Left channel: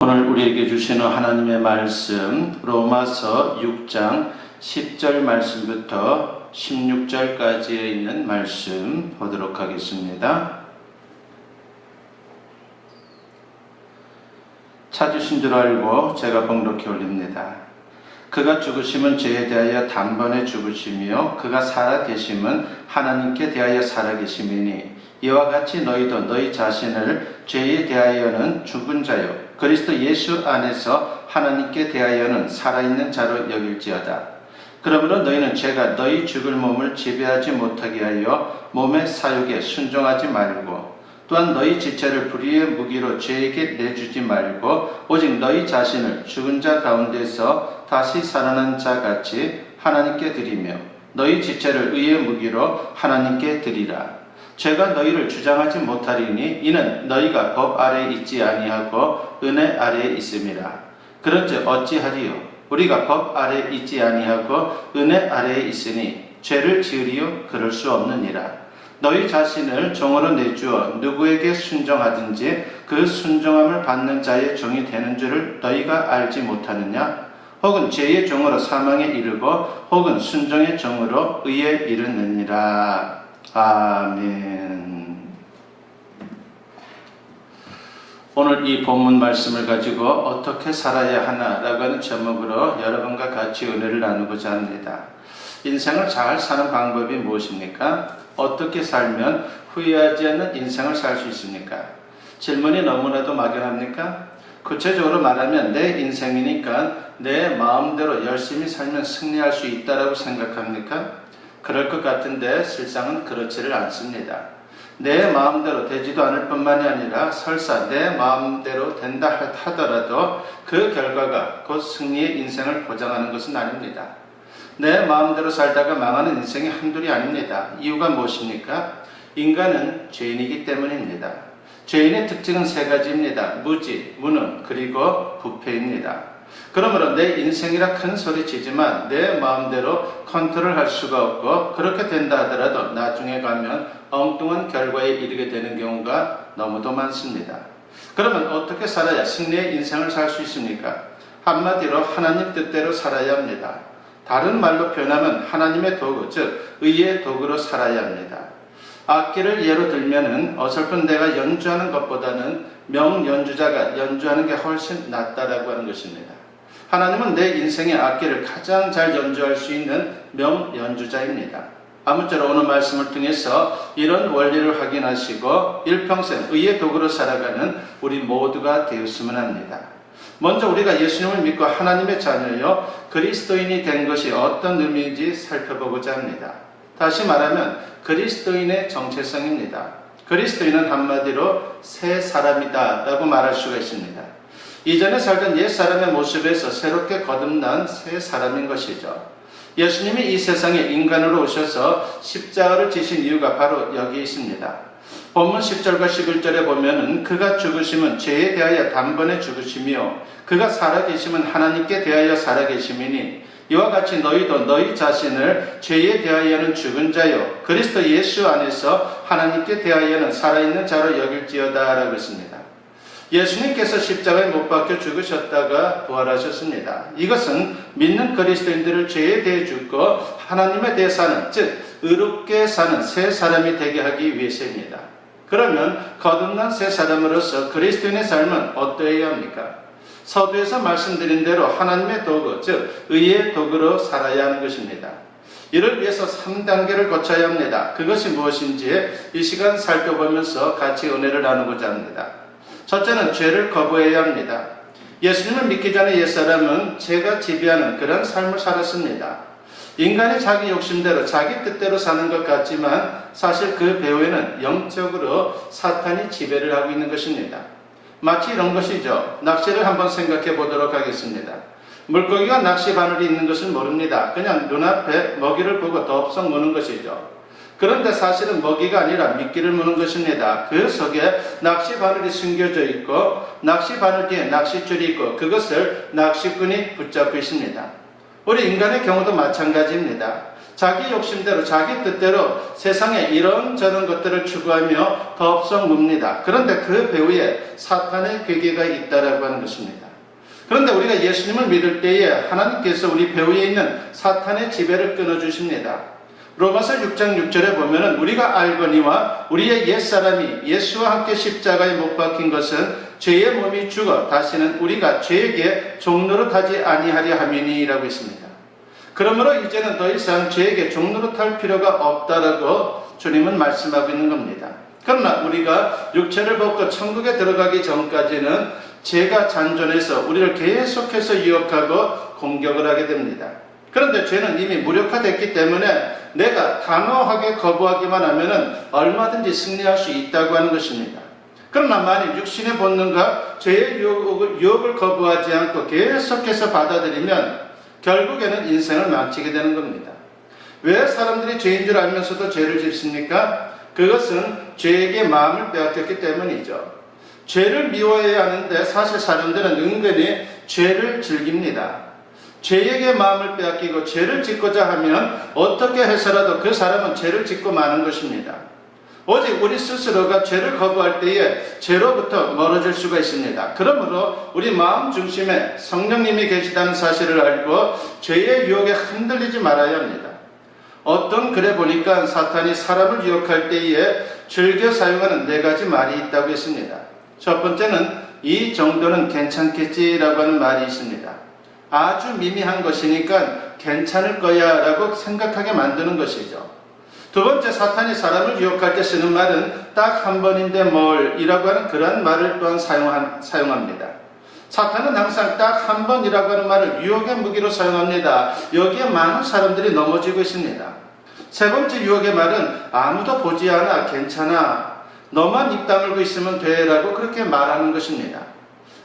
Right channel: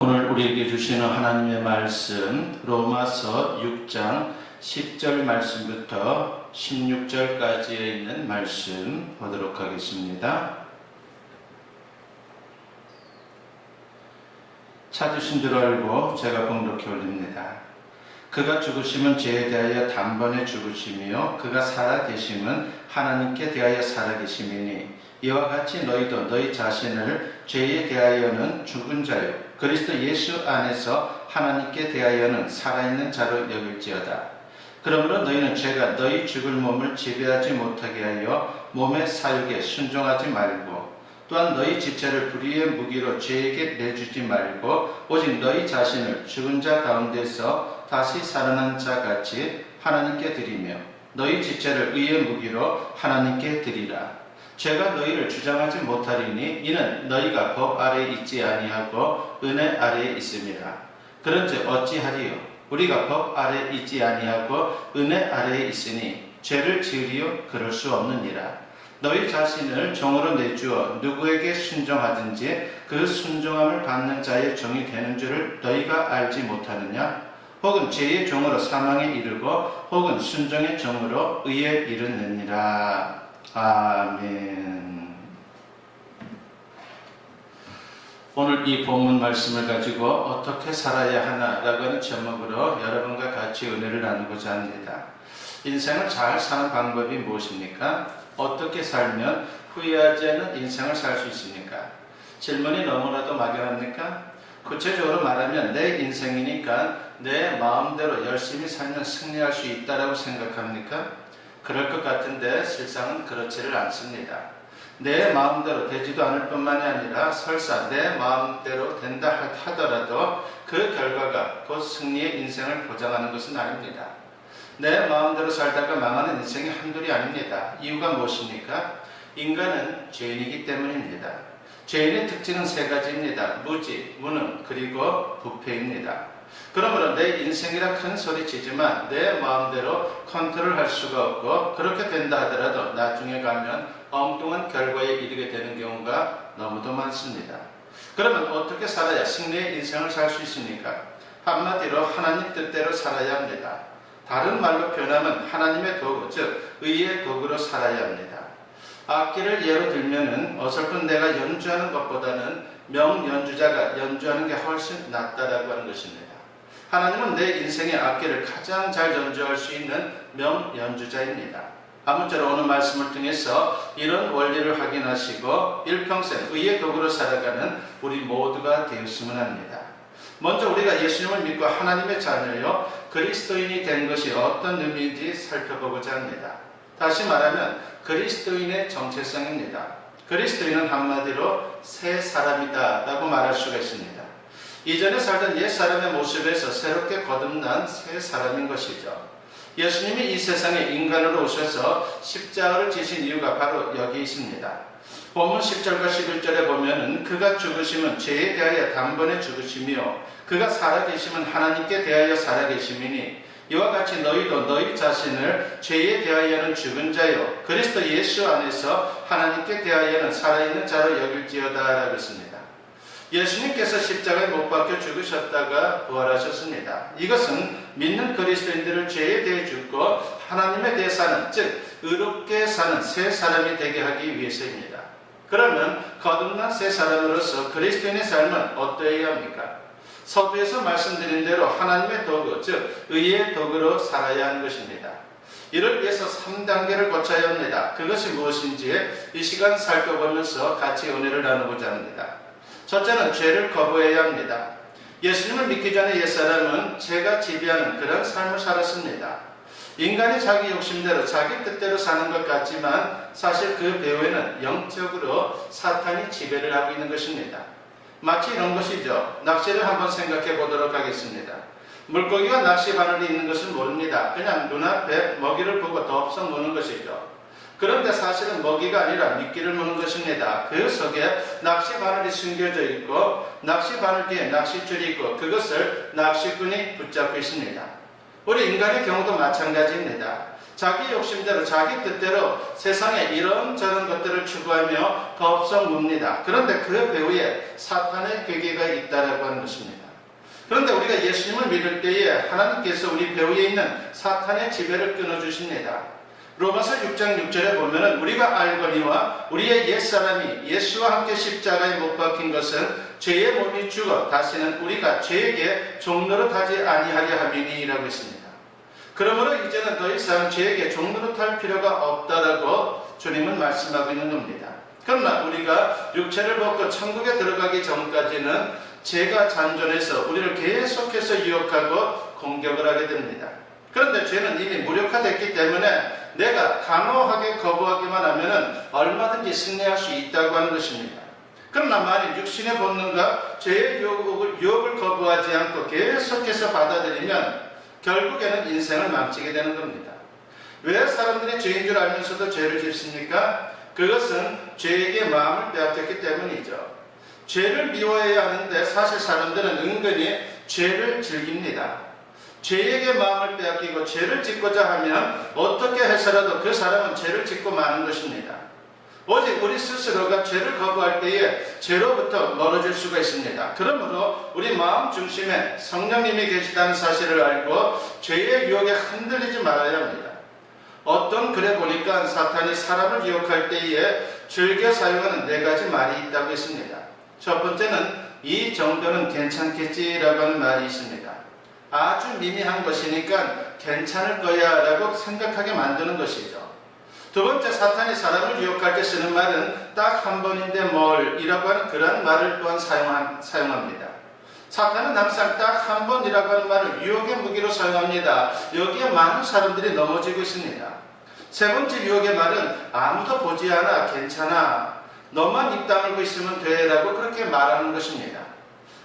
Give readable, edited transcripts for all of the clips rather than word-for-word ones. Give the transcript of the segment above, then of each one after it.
오늘 우리에게 주시는 하나님의 말씀 로마서 6장 10절 말씀부터 16절까지에 있는 말씀 보도록 하겠습니다. 찾으신 줄 알고 제가 번독히 올립니다. 그가 죽으심은 죄에 대하여 단번에 죽으심이요 그가 살아계심은 하나님께 대하여 살아계심이니 이와 같이 너희도 너희 자신을 죄에 대하여는 죽은 자요 그리스도 예수 안에서 하나님께 대하여는 살아있는 자로 여길지어다. 그러므로 너희는 죄가 너희 죽을 몸을 지배하지 못하게 하여 몸의 사욕에 순종하지 말고 또한 너희 지체를 불의의 무기로 죄에게 내주지 말고 오직 너희 자신을 죽은 자 가운데서 다시 살아난 자 같이 하나님께 드리며 너희 지체를 의의 무기로 하나님께 드리라. 죄가 너희를 주장하지 못하리니 이는 너희가 법 아래에 있지 아니하고 은혜 아래에 있음이라. 그런즉 어찌하리요? 우리가 법 아래에 있지 아니하고 은혜 아래에 있으니 죄를 지으리요? 그럴 수 없느니라. 너희 자신을 종으로 내주어 누구에게 순종하든지 그 순종함을 받는 자의 종이 되는 줄을 너희가 알지 못하느냐? 혹은 죄의 종으로 사망에 이르고 혹은 순종의 종으로 의에 이르느니라. 아멘. 오늘 이 본문 말씀을 가지고 어떻게 살아야 하나라고 하는 제목으로 여러분과 같이 은혜를 나누고자 합니다. 인생을 잘 사는 방법이 무엇입니까? 어떻게 살면 후회하지 않는 인생을 살 수 있습니까? 질문이 너무나도 막연합니까? 구체적으로 말하면 내 인생이니까 내 마음대로 열심히 살면 승리할 수 있다라고 생각합니까? 그럴 것 같은데 실상은 그렇지를 않습니다. 내 마음대로 되지도 않을 뿐만이 아니라 설사 내 마음대로 된다 하더라도 그 결과가 곧 승리의 인생을 보장하는 것은 아닙니다. 내 마음대로 살다가 망하는 인생이 한둘이 아닙니다. 이유가 무엇입니까? 인간은 죄인이기 때문입니다. 죄인의 특징은 세 가지입니다. 무지, 무능, 그리고 부패입니다. 그러므로 내 인생이라 큰 소리 치지만 내 마음대로 컨트롤할 수가 없고 그렇게 된다 하더라도 나중에 가면 엉뚱한 결과에 이르게 되는 경우가 너무도 많습니다. 그러면 어떻게 살아야 승리의 인생을 살 수 있습니까? 한마디로 하나님 뜻대로 살아야 합니다. 다른 말로 표현하면 하나님의 도구, 즉 의의 도구로 살아야 합니다. 악기를 예로 들면은 어설픈 내가 연주하는 것보다는 명연주자가 연주하는 게 훨씬 낫다라고 하는 것입니다. 하나님은 내 인생의 악기를 가장 잘 연주할 수 있는 명연주자입니다. 아무쪼록 오늘 말씀을 통해서 이런 원리를 확인하시고 일평생 의의 도구로 살아가는 우리 모두가 되었으면 합니다. 먼저 우리가 예수님을 믿고 하나님의 자녀요 그리스도인이 된 것이 어떤 의미인지 살펴보고자 합니다. 다시 말하면 그리스도인의 정체성입니다. 그리스도인은 한마디로 새 사람이다 라고 말할 수가 있습니다. 이전에 살던 옛 사람의 모습에서 새롭게 거듭난 새 사람인 것이죠. 예수님이 이 세상에 인간으로 오셔서 십자가를 지신 이유가 바로 여기 있습니다. 본문 10절과 11절에 보면 그가 죽으심은 죄에 대하여 단번에 죽으심이요 그가 살아계심은 하나님께 대하여 살아계심이니 이와 같이 너희도 너희 자신을 죄에 대하여는 죽은 자요 그리스도 예수 안에서 하나님께 대하여는 살아있는 자로 여길지어다 라고 했습니다. 예수님께서 십자가에 못 박혀 죽으셨다가 부활하셨습니다. 이것은 믿는 그리스도인들을 죄에 대해 죽고 하나님에 대해 사는, 즉 의롭게 사는 새 사람이 되게 하기 위해서입니다. 그러면 거듭난 새 사람으로서 그리스도인의 삶은 어떠해야 합니까? 서두에서 말씀드린 대로 하나님의 도구, 즉 의의 도구로 살아야 하는 것입니다. 이를 위해서 3단계를 거쳐야 합니다. 그것이 무엇인지 이 시간 살펴보면서 같이 은혜를 나누고자 합니다. 첫째는 죄를 거부해야 합니다. 예수님을 믿기 전에 옛사람은 죄가 지배하는 그런 삶을 살았습니다. 인간이 자기 욕심대로 자기 뜻대로 사는 것 같지만 사실 그 배후에는 영적으로 사탄이 지배를 하고 있는 것입니다. 마치 이런 것이죠. 낚시를 한번 생각해 보도록 하겠습니다. 물고기가 낚시 바늘이 있는 것을 모릅니다. 그냥 눈앞에 먹이를 보고 덥석 무는 것이죠. 그런데 사실은 먹이가 아니라 미끼를 무는 것입니다. 그 속에 낚시 바늘이 숨겨져 있고 낚시 바늘 뒤에 낚싯줄이 있고 그것을 낚시꾼이 붙잡고 있습니다. 우리 인간의 경우도 마찬가지입니다. 자기 욕심대로 자기 뜻대로 세상에 이런저런 것들을 추구하며 덥석뭅니다. 그런데 그 배후에 사탄의 괴계가 있다라고 하는 것입니다. 그런데 우리가 예수님을 믿을 때에 하나님께서 우리 배후에 있는 사탄의 지배를 끊어주십니다. 로마서 6장 6절에 보면은 우리가 알거니와 우리의 옛사람이 예수와 함께 십자가에 못 박힌 것은 죄의 몸이 죽어 다시는 우리가 죄에게 종노릇하지 아니하려 함이니라고 했습니다. 그러므로 이제는 더 이상 죄에게 종노릇할 필요가 없다라고 주님은 말씀하고 있는 겁니다. 그러나 우리가 육체를 벗고 천국에 들어가기 전까지는 죄가 잔존해서 우리를 계속해서 유혹하고 공격을 하게 됩니다. 그런데 죄는 이미 무력화됐기 때문에 내가 단호하게 거부하기만 하면 얼마든지 승리할 수 있다고 하는 것입니다. 그러나 만일 육신의 본능과 죄의 유혹을 거부하지 않고 계속해서 받아들이면 결국에는 인생을 망치게 되는 겁니다. 왜 사람들이 죄인 줄 알면서도 죄를 짓습니까? 그것은 죄에게 마음을 빼앗겼기 때문이죠. 죄를 미워해야 하는데 사실 사람들은 은근히 죄를 즐깁니다. 죄에게 마음을 빼앗기고 죄를 짓고자 하면 어떻게 해서라도 그 사람은 죄를 짓고 마는 것입니다. 오직 우리 스스로가 죄를 거부할 때에 죄로부터 멀어질 수가 있습니다. 그러므로 우리 마음 중심에 성령님이 계시다는 사실을 알고 죄의 유혹에 흔들리지 말아야 합니다. 어떤 글에 보니까 사탄이 사람을 유혹할 때에 즐겨 사용하는 4가지 말이 있다고 했습니다. 첫 번째는 이 정도는 괜찮겠지라고 하는 말이 있습니다. 아주 미미한 것이니까 괜찮을 거야 라고 생각하게 만드는 것이죠. 두 번째, 사탄이 사람을 유혹할 때 쓰는 말은 딱 한 번인데 뭘 이라고 하는 그런 말을 또한 사용합니다. 사탄은 항상 딱 한 번이라고 하는 말을 유혹의 무기로 사용합니다. 여기에 많은 사람들이 넘어지고 있습니다. 세 번째 유혹의 말은 아무도 보지 않아 괜찮아 너만 입 다물고 있으면 돼 라고 그렇게 말하는 것입니다.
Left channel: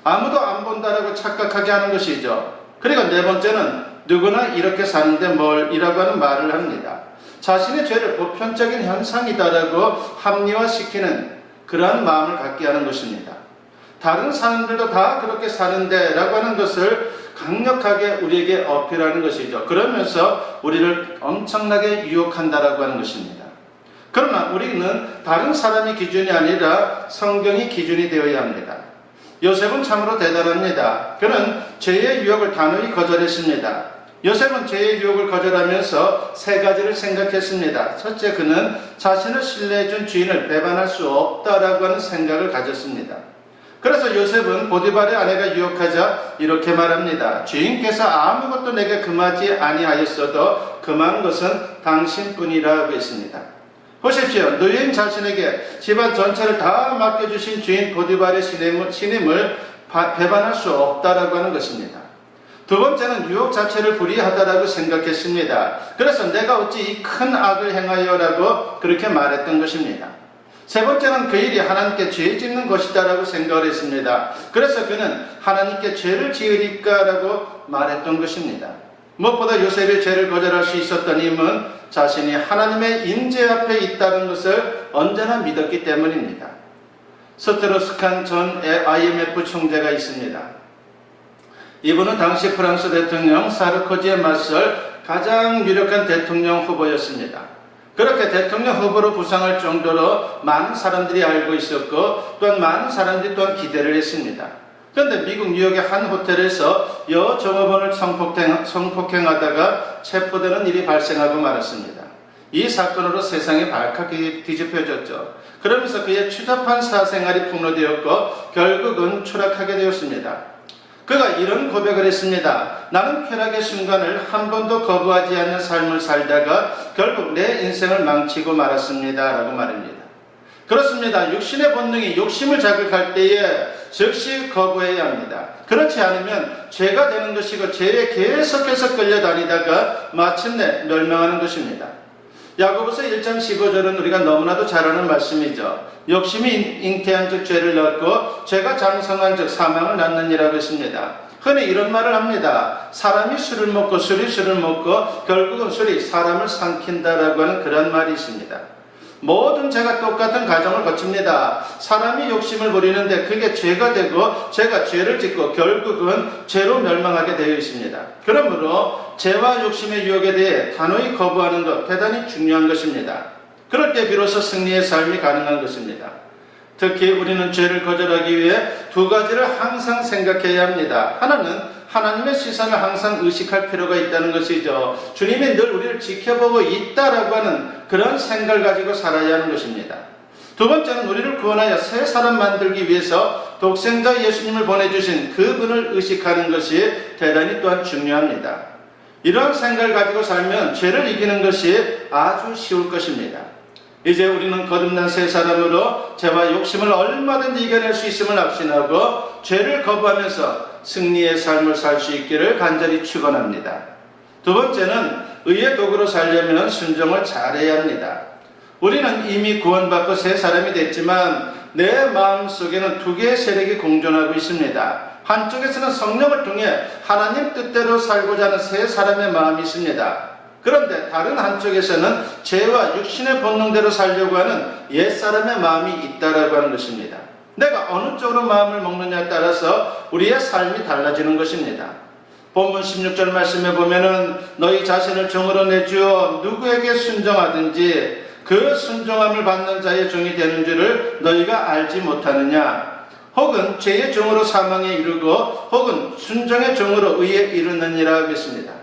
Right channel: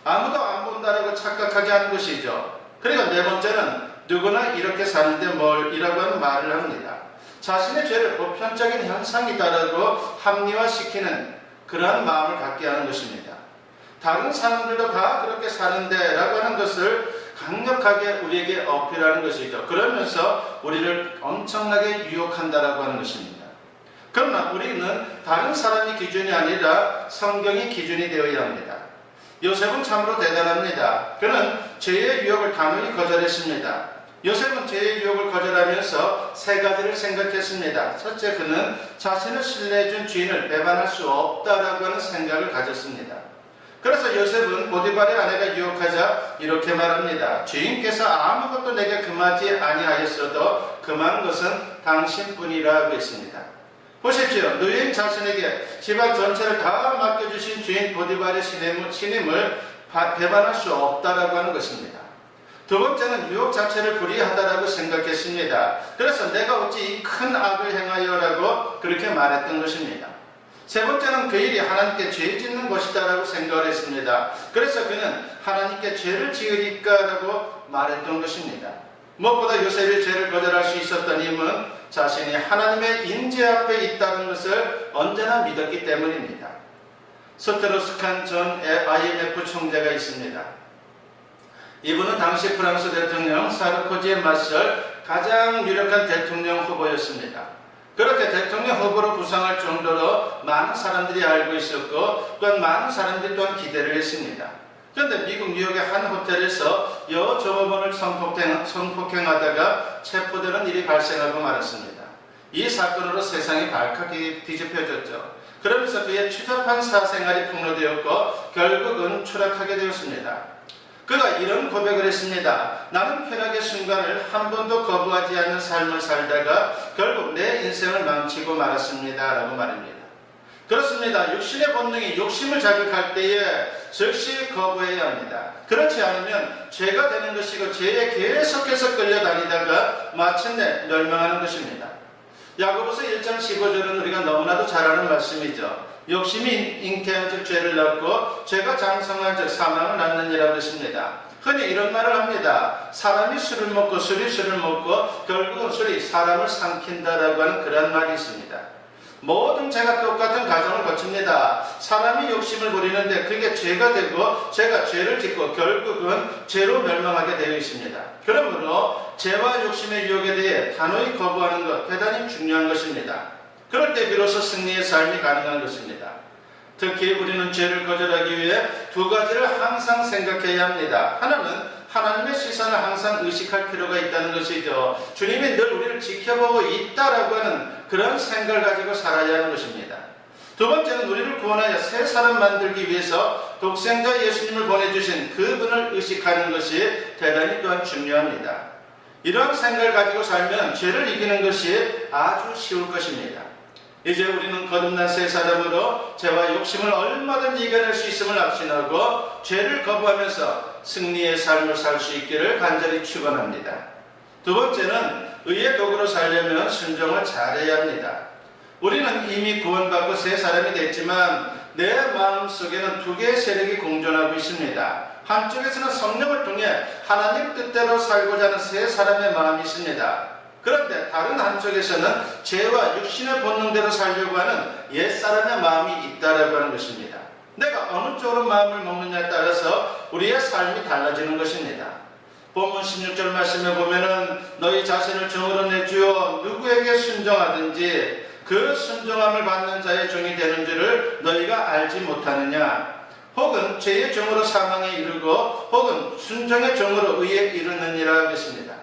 아무도 안 본다라고 착각하게 하는 것이죠. 그리고 네 번째는 누구나 이렇게 사는데 뭘 이라고 하는 말을 합니다. 자신의 죄를 보편적인 현상이다라고 합리화시키는 그러한 마음을 갖게 하는 것입니다. 다른 사람들도 다 그렇게 사는데 라고 하는 것을 강력하게 우리에게 어필하는 것이죠. 그러면서 우리를 엄청나게 유혹한다라고 하는 것입니다. 그러나 우리는 다른 사람이 기준이 아니라 성경이 기준이 되어야 합니다. 요셉은 참으로 대단합니다. 그는 죄의 유혹을 단호히 거절했습니다. 요셉은 죄의 유혹을 거절하면서 3가지를 생각했습니다. 첫째, 그는 자신을 신뢰해준 주인을 배반할 수 없다라고 하는 생각을 가졌습니다. 그래서 요셉은 보디발의 아내가 유혹하자 이렇게 말합니다. 주인께서 아무것도 내게 금하지 아니하였어도 금한 것은 당신뿐이라고 했습니다. 보십시오. 노예인 자신에게 집안 전체를 다 맡겨주신 주인 보디발의 신임을 배반할 수 없다라고 하는 것입니다. 두 번째는 유혹 자체를 불의하다라고 생각했습니다. 그래서 내가 어찌 이 큰 악을 행하여라고 그렇게 말했던 것입니다. 세 번째는 그 일이 하나님께 죄 짓는 것이다라고 생각을 했습니다. 그래서 그는 하나님께 죄를 지으리까라고 말했던 것입니다. 무엇보다 요셉의 죄를 거절할 수 있었던 힘은 자신이 하나님의 임재 앞에 있다는 것을 언제나 믿었기 때문입니다. 스트로스칸 전 IMF 총재가 있습니다. 이분은 당시 프랑스 대통령 사르코지에 맞설 가장 유력한 대통령 후보였습니다. 그렇게 대통령 후보로 부상할 정도로 많은 사람들이 알고 있었고 또한 많은 사람들이 또한 기대를 했습니다. 그런데 미국 뉴욕의 한 호텔에서 여종업원을 성폭행하다가 체포되는 일이 발생하고 말았습니다. 이 사건으로 세상이 발칵 뒤집혀졌죠. 그러면서 그의 추잡한 사생활이 폭로되었고 결국은 추락하게 되었습니다. 그가 이런 고백을 했습니다. 나는 쾌락의 순간을 한 번도 거부하지 않는 삶을 살다가 결국 내 인생을 망치고 말았습니다. 라고 말합니다. 그렇습니다. 육신의 본능이 욕심을 자극할 때에 즉시 거부해야 합니다. 그렇지 않으면 죄가 되는 것이고 죄에 계속해서 끌려다니다가 마침내 멸망하는 것입니다. 야고보서 1장 15절은 우리가 너무나도 잘 아는 말씀이죠. 욕심이 잉태한 즉 죄를 낳고 죄가 장성한 즉 사망을 낳느니라고 했습니다. 흔히 이런 말을 합니다. 사람이 술을 먹고 술이 술을 먹고 결국은 술이 사람을 삼킨다라고 하는 그런 말이 있습니다. 모든 죄가 똑같은 과정을 거칩니다. 사람이 욕심을 부리는데 그게 죄가 되고 죄가 죄를 짓고 결국은 죄로 멸망하게 되어 있습니다. 그러므로 죄와 욕심의 유혹에 대해 단호히 거부하는 것 대단히 중요한 것입니다. 그럴 때 비로소 승리의 삶이 가능한 것입니다. 특히 우리는 죄를 거절하기 위해 두 가지를 항상 생각해야 합니다. 하나는 하나님의 시선을 항상 의식할 필요가 있다는 것이죠. 주님이 늘 우리를 지켜보고 있다라고 하는 그런 생각을 가지고 살아야 하는 것입니다. 두 번째는 우리를 구원하여 새 사람 만들기 위해서 독생자 예수님을 보내주신 그분을 의식하는 것이 대단히 또한 중요합니다. 이러한 생각을 가지고 살면 죄를 이기는 것이 아주 쉬울 것입니다. 이제 우리는 거듭난 새 사람으로 죄와 욕심을 얼마든지 이겨낼 수 있음을 확신하고 죄를 거부하면서 승리의 삶을 살 수 있기를 간절히 축원합니다. 두 번째는 의의 도구로 살려면 순종을 잘해야 합니다. 우리는 이미 구원받고 새 사람이 됐지만 내 마음속에는 두 개의 세력이 공존하고 있습니다. 한쪽에서는 성령을 통해 하나님 뜻대로 살고자 하는 새 사람의 마음이 있습니다. 그런데 다른 한쪽에서는 죄와 육신의 본능대로 살려고 하는 옛사람의 마음이 있다라고 하는 것입니다. 내가 어느 쪽으로 마음을 먹느냐에 따라서 우리의 삶이 달라지는 것입니다. 본문 16절 말씀에 보면은 너희 자신을 종으로 내주어 누구에게 순종하든지 그 순종함을 받는 자의 종이 되는 줄을 너희가 알지 못하느냐. 혹은 죄의 종으로 사망에 이르고 혹은 순종의 종으로 의에 이르느니라 하겠습니다.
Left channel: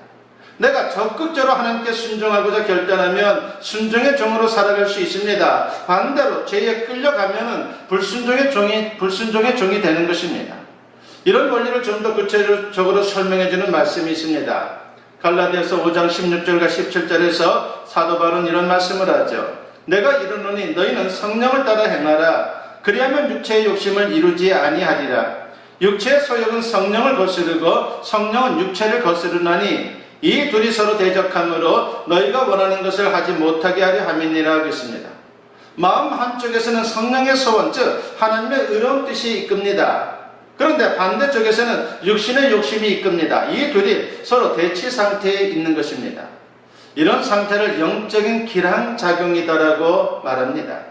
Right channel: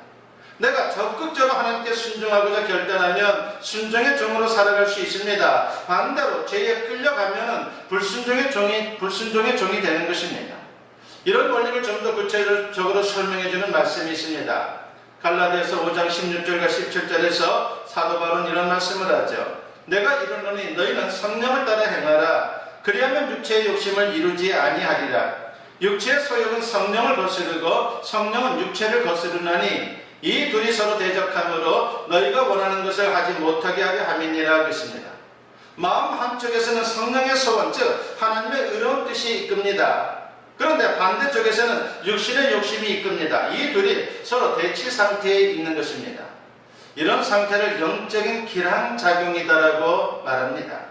내가 적극적으로 하나님께 순종하고자 결단하면 순종의 종으로 살아갈 수 있습니다. 반대로 죄에 끌려가면은 불순종의 종이 되는 것입니다. 이런 원리를 좀 더 구체적으로 설명해주는 말씀이 있습니다. 갈라디아서 5장 16절과 17절에서 사도 바울은 이런 말씀을 하죠. 내가 이르노니 너희는 성령을 따라 행하라. 그리하면 육체의 욕심을 이루지 아니하리라. 육체의 소욕은 성령을 거스르고 성령은 육체를 거스르나니 이 둘이 서로 대적함으로 너희가 원하는 것을 하지 못하게 하려 함이니라 하겠습니다. 마음 한쪽에서는 성령의 소원, 즉 하나님의 의로운 뜻이 이끕니다. 그런데 반대쪽에서는 육신의 욕심이 이끕니다. 이 둘이 서로 대치 상태에 있는 것입니다. 이런 상태를 영적인 기량작용이다라고 말합니다.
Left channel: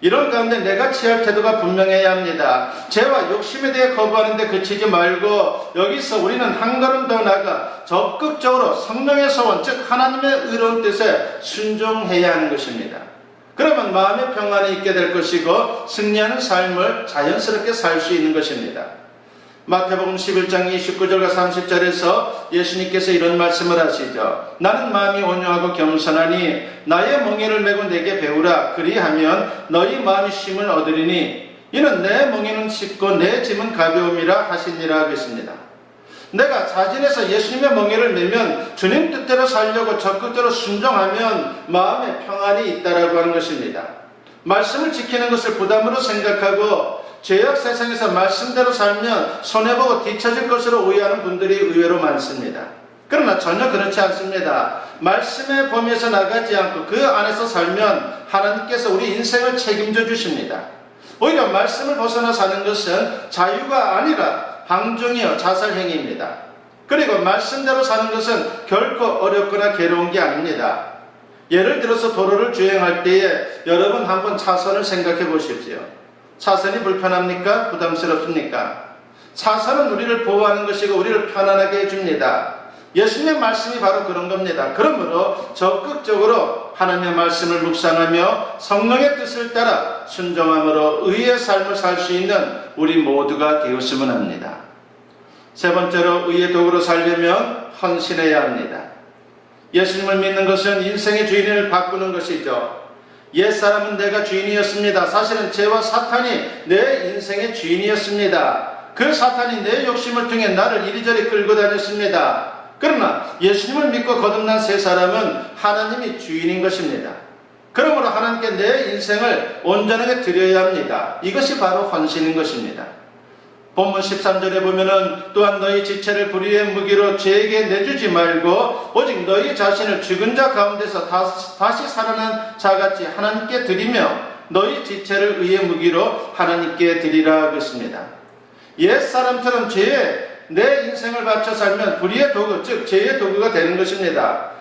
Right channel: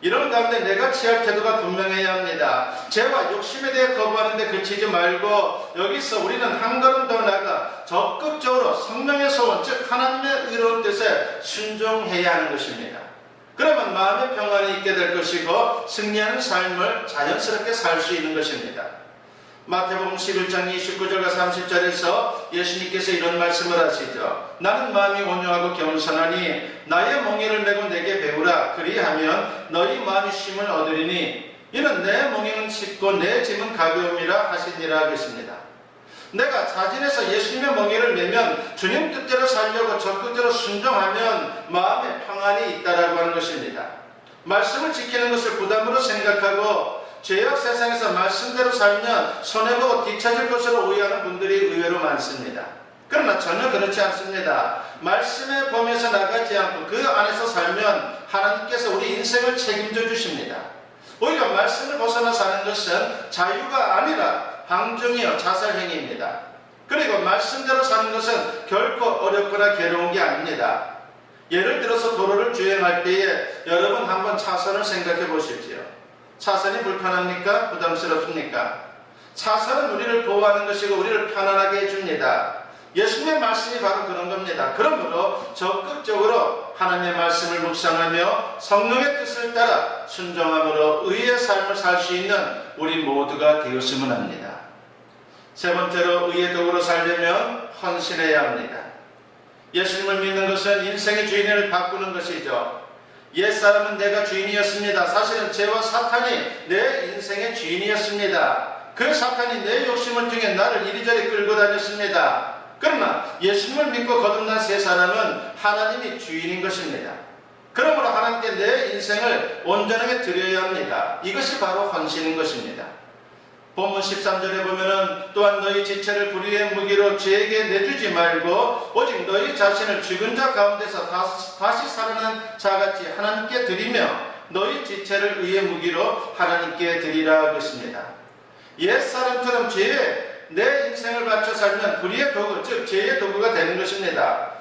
이런 가운데 내가 취할 태도가 분명해야 합니다. 죄와 욕심에 대해 거부하는데 그치지 말고 여기서 우리는 한 걸음 더 나아가 적극적으로 성령의 소원, 즉 하나님의 의로운 뜻에 순종해야 하는 것입니다. 그러면 마음의 평안이 있게 될 것이고 승리하는 삶을 자연스럽게 살 수 있는 것입니다. 마태복음 11장 29절과 30절에서 예수님께서 이런 말씀을 하시죠. 나는 마음이 온유하고 겸손하니 나의 멍에를 메고 내게 배우라. 그리하면 너희 마음이 쉼을 얻으리니 이는 내 멍에는 쉽고 내 짐은 가벼움이라 하시니라 하겠습니다. 내가 자진해서 예수님의 멍에를 메면 주님 뜻대로 살려고 적극적으로 순종하면 마음에 평안이 있다라고 하는 것입니다. 말씀을 지키는 것을 부담으로 생각하고 죄악 세상에서 말씀대로 살면 손해보고 뒤처질 것으로 오해하는 분들이 의외로 많습니다. 그러나 전혀 그렇지 않습니다. 말씀의 범위에서 나가지 않고 그 안에서 살면 하나님께서 우리 인생을 책임져 주십니다. 오히려 말씀을 벗어나 사는 것은 자유가 아니라 방종이요 자살행위입니다. 그리고 말씀대로 사는 것은 결코 어렵거나 괴로운 게 아닙니다. 예를 들어서 도로를 주행할 때에 여러분 한번 차선을 생각해 보십시오. 차선이 불편합니까? 부담스럽습니까? 차선은 우리를 보호하는 것이고 우리를 편안하게 해줍니다. 예수님의 말씀이 바로 그런 겁니다. 그러므로 적극적으로 하나님의 말씀을 묵상하며 성령의 뜻을 따라 순종함으로 의의 삶을 살 수 있는 우리 모두가 되었으면 합니다. 세 번째로 의의 도구로 살려면 헌신해야 합니다. 예수님을 믿는 것은 인생의 주인을 바꾸는 것이죠. 옛사람은 내가 주인이었습니다. 사실은 죄와 사탄이 내 인생의 주인이었습니다. 그 사탄이 내 욕심을 통해 나를 이리저리 끌고 다녔습니다. 그러나 예수님을 믿고 거듭난 새 사람은 하나님이 주인인 것입니다. 그러므로 하나님께 내 인생을 온전하게 드려야 합니다. 이것이 바로 헌신인 것입니다. 본문 13절에 보면은 또한 너희 지체를 불의의 무기로 죄에게 내주지 말고 오직 너희 자신을 죽은 자 가운데서 다시 살아난 자같이 하나님께 드리며 너희 지체를 의의 무기로 하나님께 드리라 하겠습니다. 옛사람처럼 죄에 내 인생을 바쳐 살면 불의의 도구, 즉 죄의 도구가 되는 것입니다.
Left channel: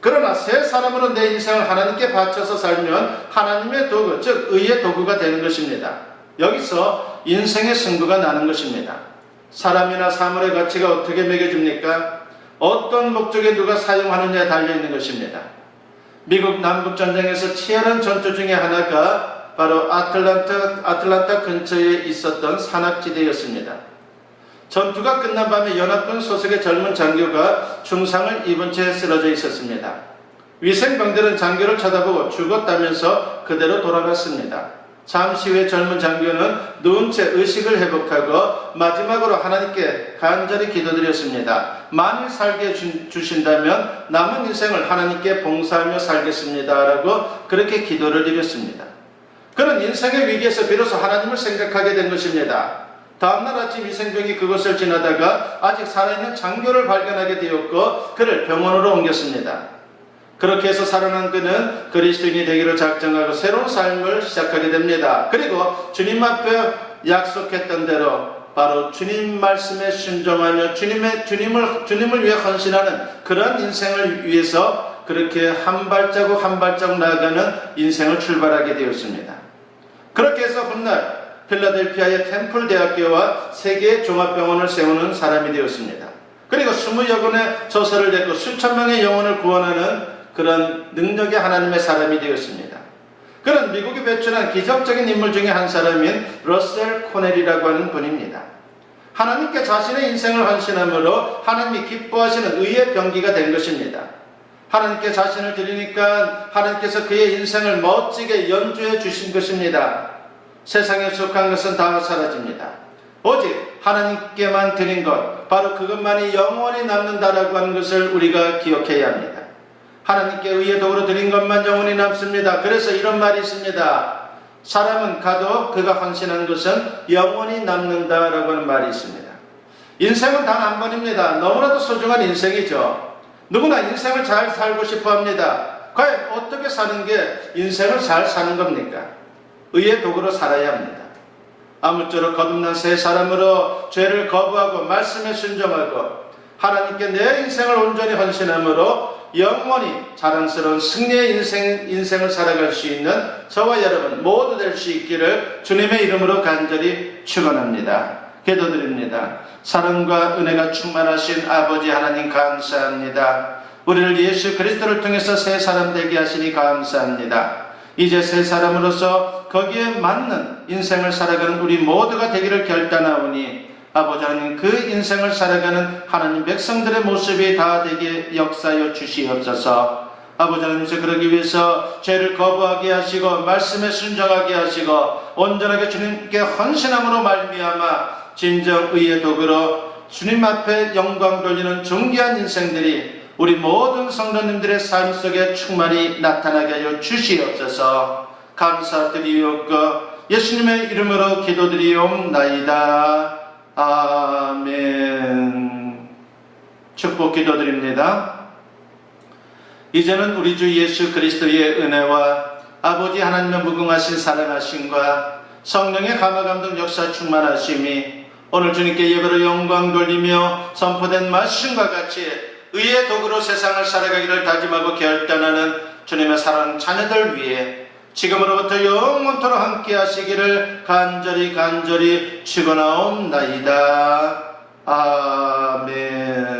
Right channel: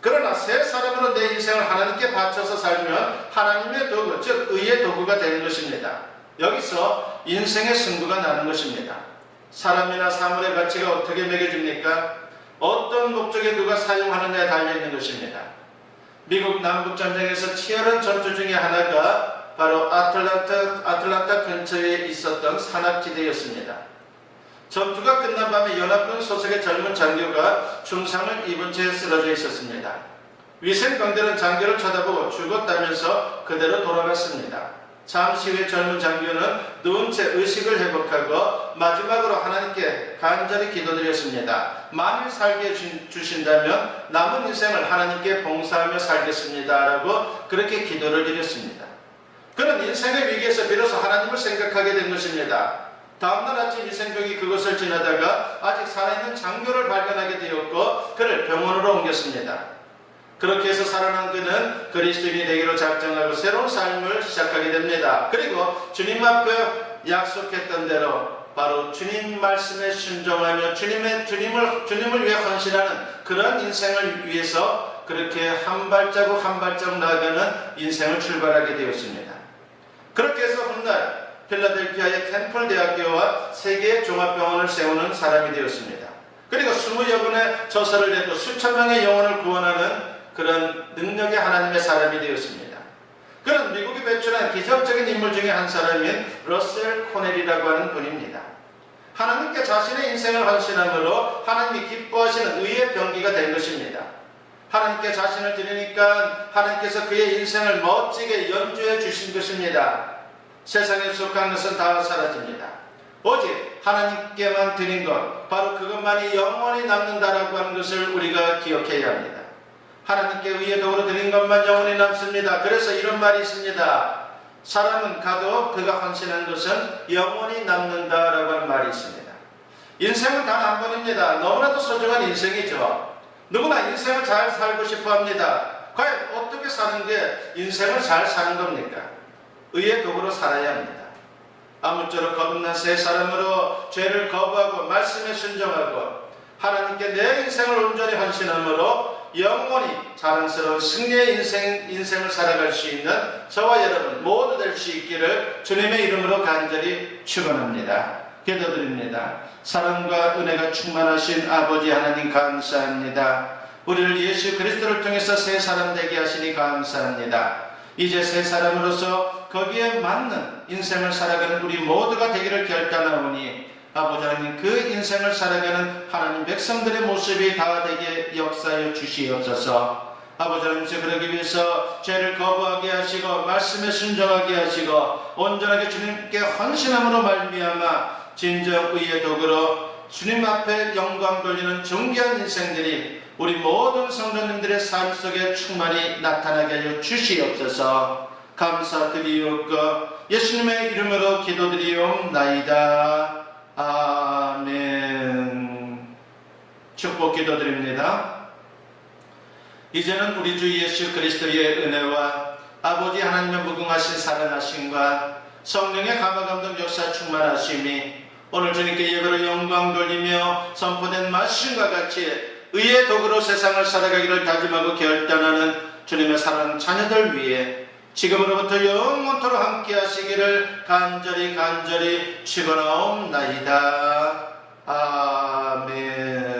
그러나 새 사람으로 내 인생을 하나님께 바쳐서 살면 하나님의 도구, 즉 의의 도구가 되는 것입니다. 여기서 인생의 승부가 나는 것입니다. 사람이나 사물의 가치가 어떻게 매겨집니까? 어떤 목적에 누가 사용하느냐에 달려있는 것입니다. 미국 남북전쟁에서 치열한 전투 중에 하나가 바로 아틀란타 근처에 있었던 산악지대였습니다. 전투가 끝난 밤에 연합군 소속의 젊은 장교가 중상을 입은 채 쓰러져 있었습니다. 위생병들은 장교를 쳐다보고 죽었다면서 그대로 돌아갔습니다. 잠시 후에 젊은 장교는 누운 채 의식을 회복하고 마지막으로 하나님께 간절히 기도드렸습니다. 만일 살게 주신다면 남은 인생을 하나님께 봉사하며 살겠습니다. 라고 그렇게 기도를 드렸습니다. 그는 인생의 위기에서 비로소 하나님을 생각하게 된 것입니다. 다음날 아침 위생병이 그곳을 지나다가 아직 살아있는 장교를 발견하게 되었고 그를 병원으로 옮겼습니다. 그렇게 해서 살아난 그는 그리스도인이 되기로 작정하고 새로운 삶을 시작하게 됩니다. 그리고 주님 앞에 약속했던 대로 바로 주님 말씀에 순종하며 주님을 위해 헌신하는 그런 인생을 위해서 그렇게 한 발자국 한 발자국 나아가는 인생을 출발하게 되었습니다. 그렇게 해서 훗날 필라델피아의 템플 대학교와 세계 종합병원을 세우는 사람이 되었습니다. 그리고 20여 권의 저서를 냈고 수천 명의 영혼을 구원하는 그런 능력의 하나님의 사람이 되었습니다. 그는 미국이 배출한 기적적인 인물 중에 한 사람인 러셀 코넬이라고 하는 분입니다. 하나님께 자신의 인생을 헌신함으로 하나님이 기뻐하시는 의의 병기가 된 것입니다. 하나님께 자신을 드리니까 하나님께서 그의 인생을 멋지게 연주해 주신 것입니다. 세상에 속한 것은 다 사라집니다. 오직 하나님께만 드린 것, 바로 그것만이 영원히 남는다라고 하는 것을 우리가 기억해야 합니다. 하나님께 의의 도구로 드린 것만 영원히 남습니다. 그래서 이런 말이 있습니다. 사람은 가도 그가 헌신한 것은 영원히 남는다라고 하는 말이 있습니다. 인생은 단 한 번입니다. 너무나도 소중한 인생이죠. 누구나 인생을 잘 살고 싶어 합니다. 과연 어떻게 사는 게 인생을 잘 사는 겁니까? 의의 도구로 살아야 합니다. 아무쪼록 거듭난 새 사람으로 죄를 거부하고 말씀에 순종하고 하나님께 내 인생을 온전히 헌신함으로 영원히 자랑스러운 승리의 인생을 살아갈 수 있는 저와 여러분 모두 될 수 있기를 주님의 이름으로 간절히 축원합니다. 기도드립니다. 사랑과 은혜가 충만하신 아버지 하나님 감사합니다. 우리를 예수 그리스도를 통해서 새 사람 되게 하시니 감사합니다. 이제 새 사람으로서 거기에 맞는 인생을 살아가는 우리 모두가 되기를 결단하오니 아버지 하나님 그 인생을 살아가는 하나님 백성들의 모습이 다 되게 역사하여 주시옵소서. 아버지 하나님께서 그러기 위해서 죄를 거부하게 하시고 말씀에 순종하게 하시고 온전하게 주님께 헌신함으로 말미암아 진정 의의 도구로 주님 앞에 영광 돌리는 존귀한 인생들이 우리 모든 성도님들의 삶 속에 충만히 나타나게 하여 주시옵소서. 감사드리옵고 예수님의 이름으로 기도드리옵나이다. 아멘. 축복 기도드립니다. 이제는 우리 주 예수 그리스도의 은혜와 아버지 하나님의 무궁하신 사랑하심과 성령의 감화감동 역사 충만하심이 오늘 주님께 예배로 영광 돌리며 선포된 말씀과 같이 의의 도구로 세상을 살아가기를 다짐하고 결단하는 주님의 사랑 자녀들 위해 지금으로부터 영원토록 함께 하시기를 간절히 축원하옵나이다. 아멘.